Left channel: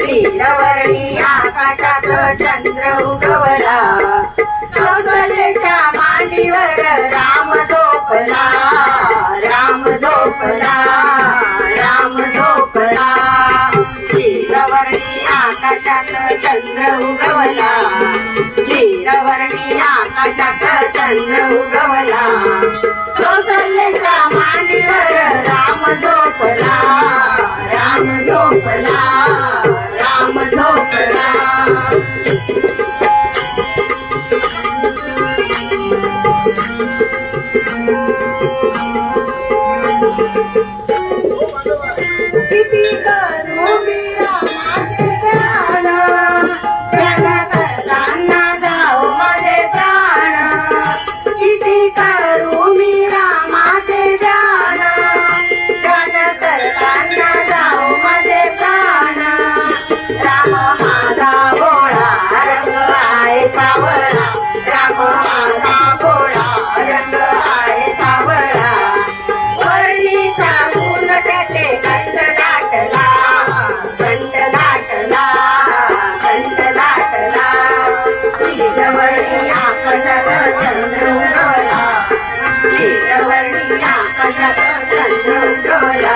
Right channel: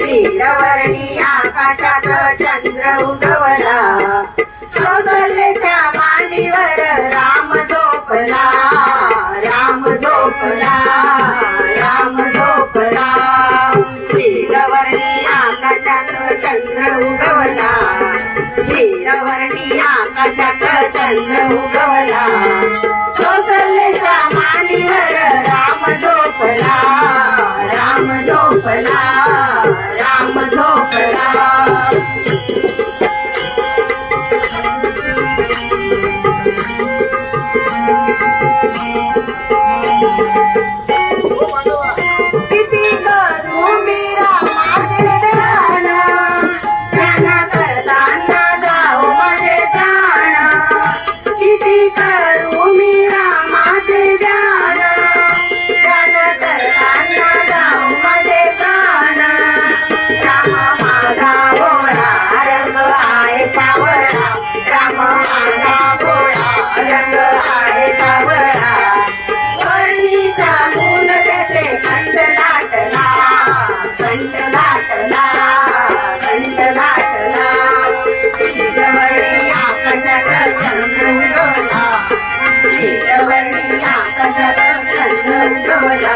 नीलवर्णी आकाशात चंद्र उगवला, कौसल्याच्या मांडीवर राम झोपला, राम झोपला, राम झोपला. नीलवर्णी आकाशात चंद्र उगवला, नीलवर्णी आकाशात चंद्र उगवला, कौसल्याच्या मांडीवर राम झोपला, राम झोपला, राम झोपला. किती करू मी रामाचे ध्यान, ध्यान करताना जाऊ माझे प्राण. किती करू मी रामाचे ध्यान, ध्यान करताना जाऊ माझे प्राण. राम माझा भोळा रंग आहे सावळा, राम माझा भोळा रंग आहे सावळा. वर्णीचा गुण त्याचे कंठ दाटला, कंठ दाटला, कंठ दाटला. नीलवर्णी आकाशात चंद्र उगवला, नीलवर्णी आकाशात चंद्र उगवला,